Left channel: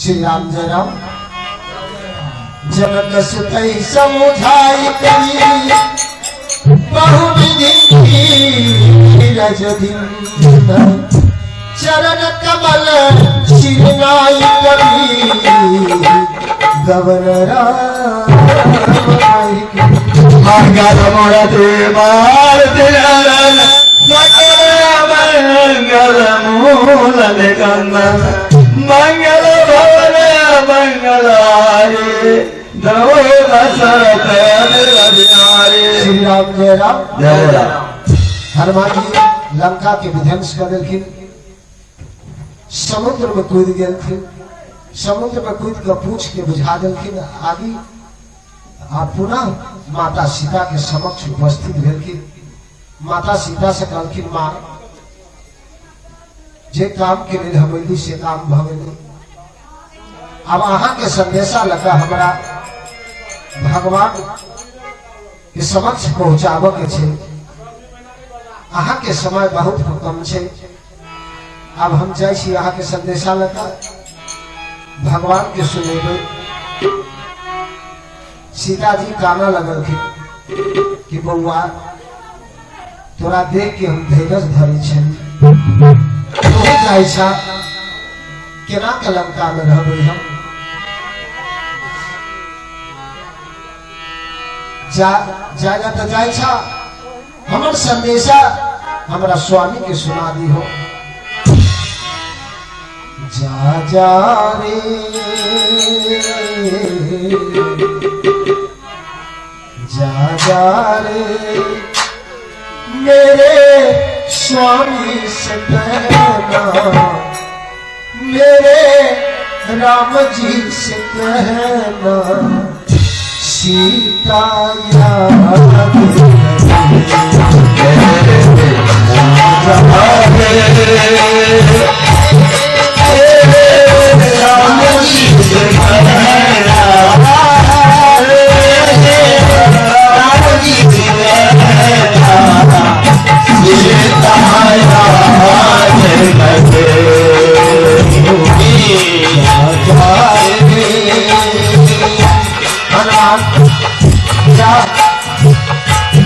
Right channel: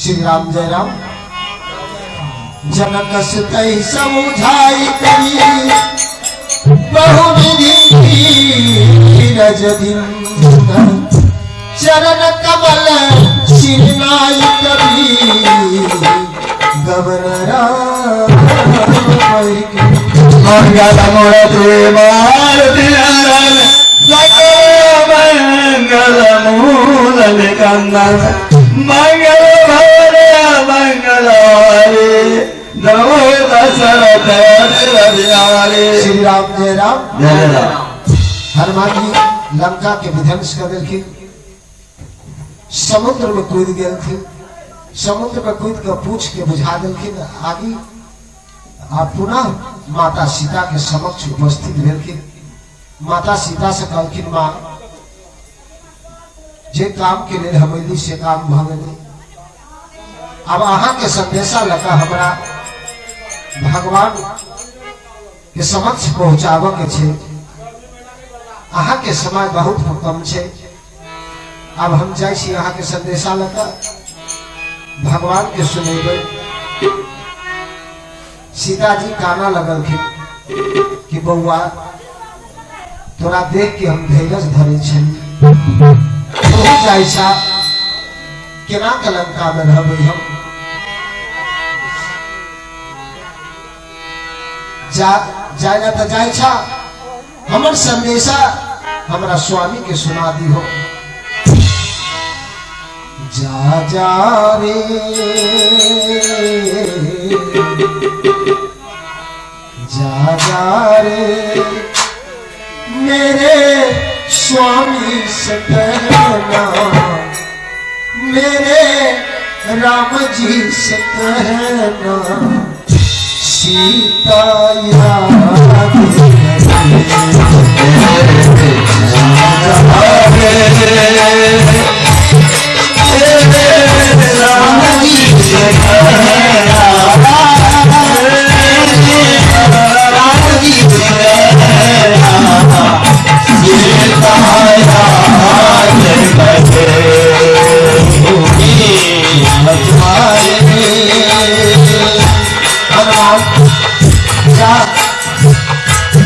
श्री राम जय राम। जनक सुतई समुझाई करी बहु विधि रज दिन चरण कमल सिरनाई करी गवर्नर मंगल मूर्ति मारुति नंदन सकल मंगल मूल निकंदन मंगल भवन मंगलारे नमो दशरथ बिहारी। श्री राम जय राम। जय राम। हनुमान जी लंका के विध्वंस कर दिलखिन, समुद्र में कूद गए थे, समुद्र में कूद कर पूछ के बुझा दिलखिन आदि और पुनः माता सीता के समक्ष उपस्थित भेलखिन। माता सीता से कहलखिन माँ जे काम के लिए हवेली से काम भगेली, अब अहाँ के संदेशा लगा हमरा भगवान के समक्ष पहुंचाव के छे, अहाँ के समय बहुत कम छे, अब हम जाय छी अहाँ के संदेशा लगा भगवान के सुनेबे। सीता जी काना लगलखिन कि बउआ तोरा देख के हम धैर्य धरे छी, तू जाय छा केना के लंका में रहबै हम, जायला तो जाय छा, हमर संदेशा हमरा स्वामी के सुना दी हो। जा जा रे जा जा रे मेरे स्वामी से कहना, मेरे राम जी से कहना सीता याद राम जी से कहना, राम जी से कहना सीता याद करे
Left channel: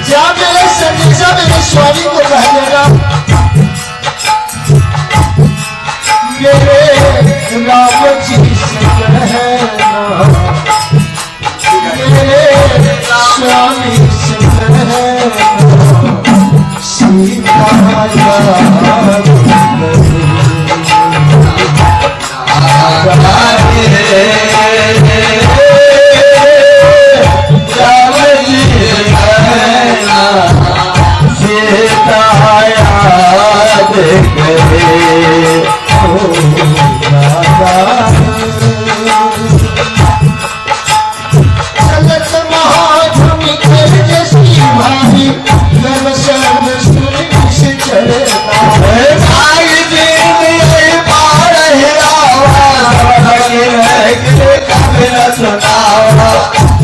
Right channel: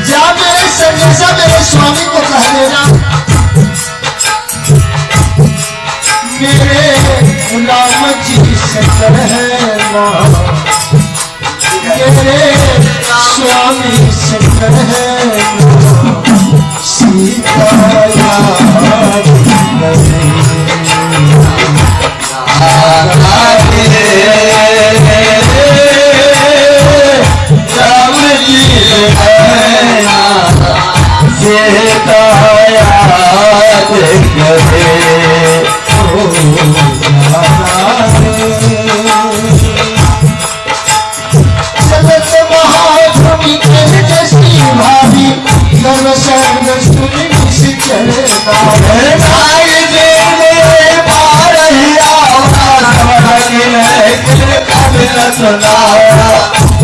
जा मेरे संदेशा मेरे स्वामी को कह देना, मेरे राम जी से कहना, मेरे स्वामी से कहना सीता याद करे।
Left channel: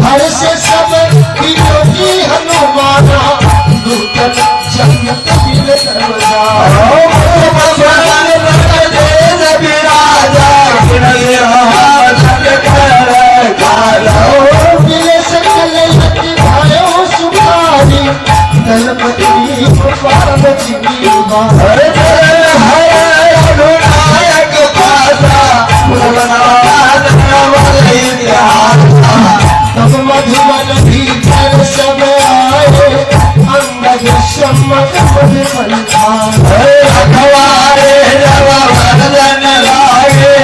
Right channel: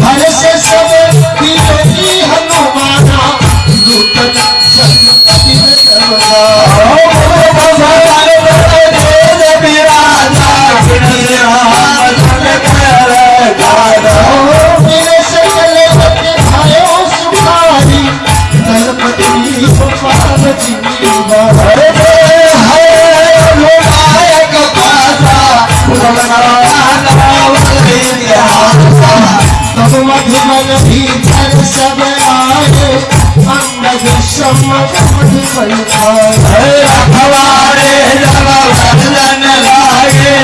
हर से सब विरोधी हनुमाना नूतन जन्नत दिल करदा मेरे सकल भाइयों सुखारी गणपति पाल मधुबन भीतर सब आए अंगद सम्मत मधुबन अखबारे जब वर्जन लागे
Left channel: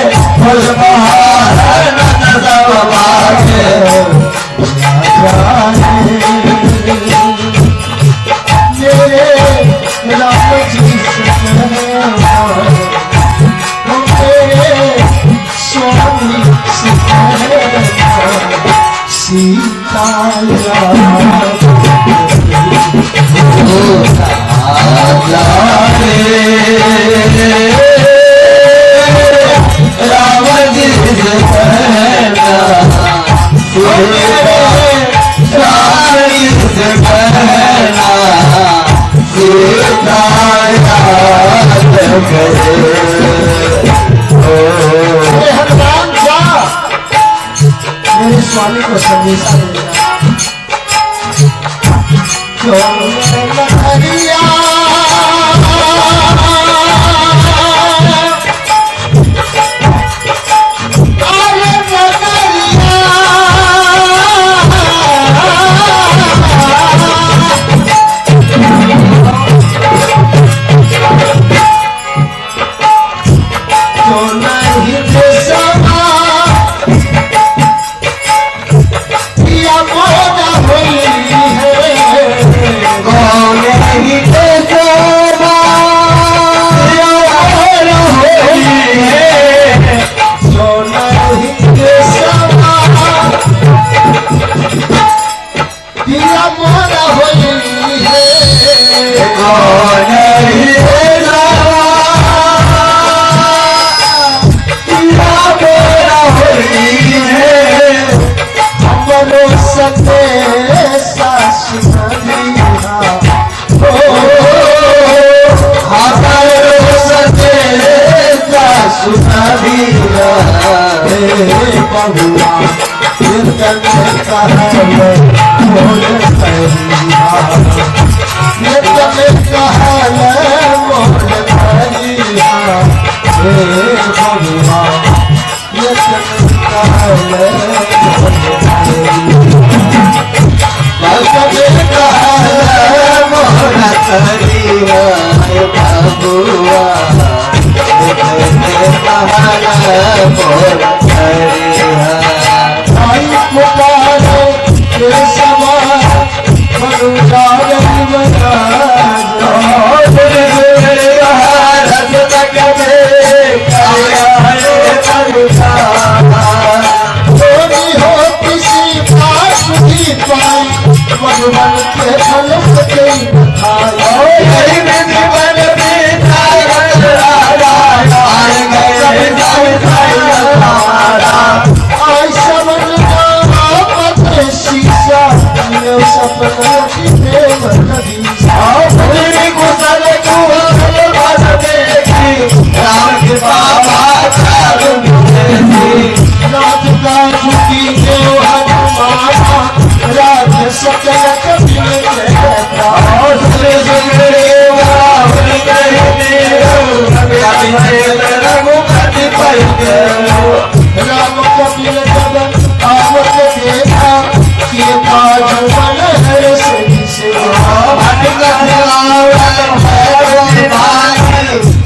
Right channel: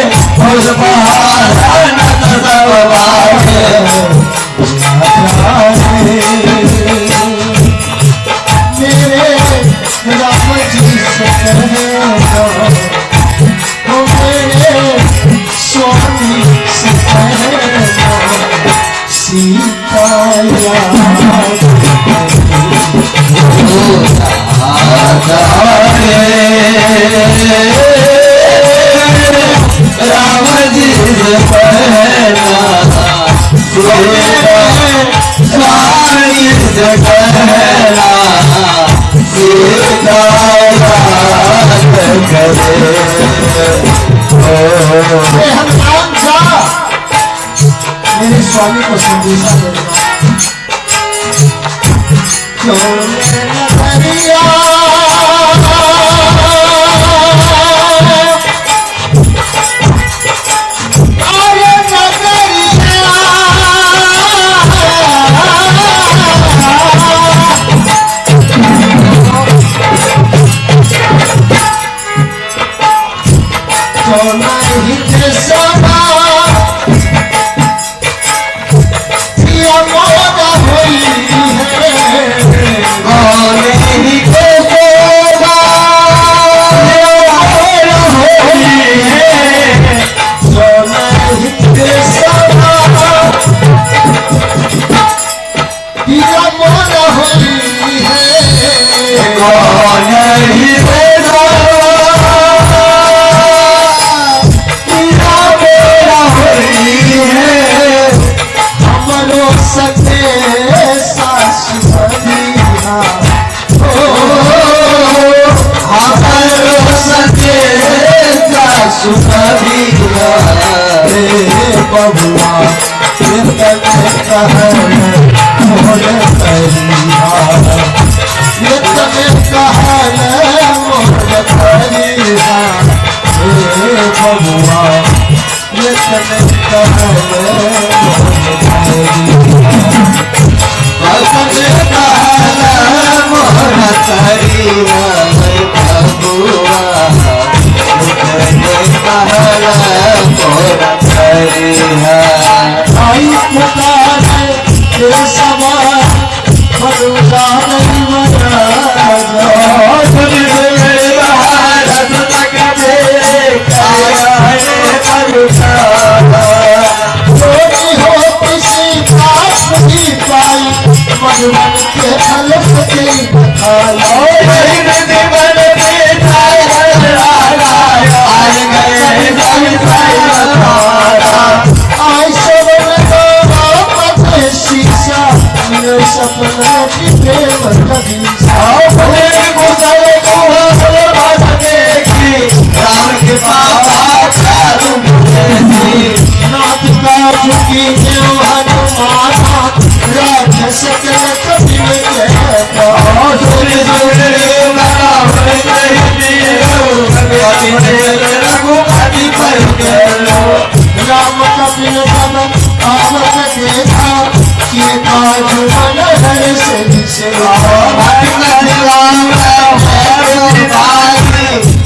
मेरे राम जी से कहना, मेरे स्वामी से कहना सीता याद राम जी से कहना सीता याद करे। हनुमान जा स्वामी को संदेशा दे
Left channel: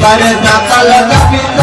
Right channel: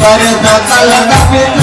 कर सकल